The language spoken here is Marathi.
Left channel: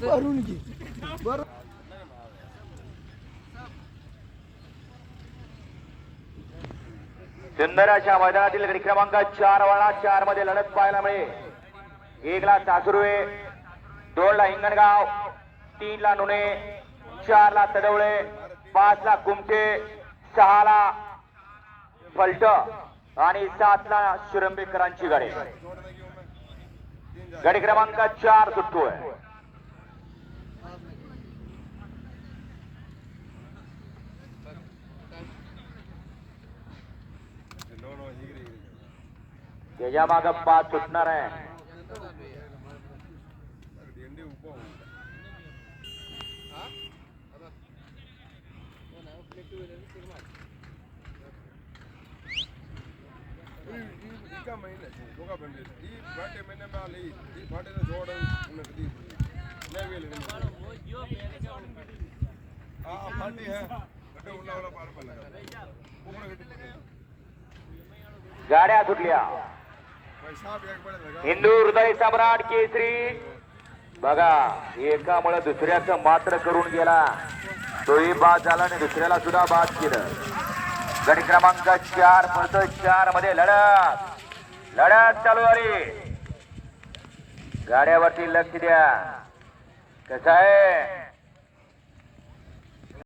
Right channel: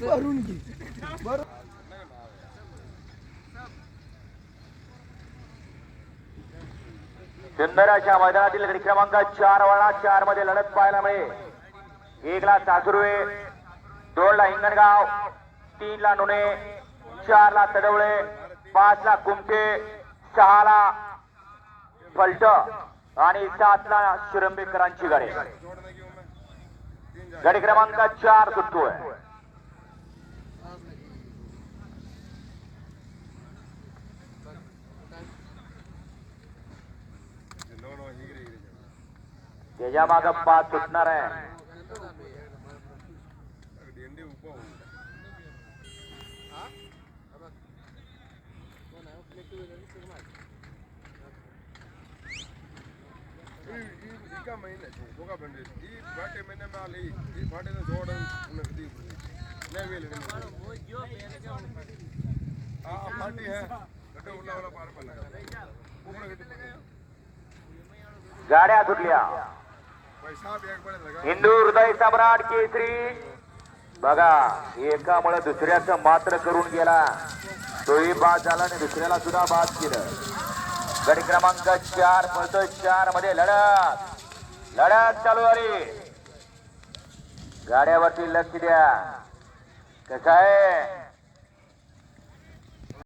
भरून घे बरं सुंदर मैदानातील गडी क्रमांक चार वळा चारमध्ये लढत पाहायला मिळेल. एक ला सासुर्वे दोन ला हिंगणगाव तीन ला नुणे चार ला तडवळे पाच ला कुमटे सहाला फलट आणि सातला शिरंबेकरांची गाडी. गाडी क्रमांक चार सुटतोय त्याच्या माग पाच सुटणार आहे. गाड्या सुटल्या. हिंदू हृदय सम्राट केसरी. बघा एकामुळे दुसऱ्याचं मात्र करून गेला. तोही बाद झाला आणि दुसऱ्याला सुद्धा बाद केलं. गडी क्रमांक चार पळतोय चारमध्ये लढत. लढत चालू झाली. गाड्यावरती लक्ष द्या. कसं आहे?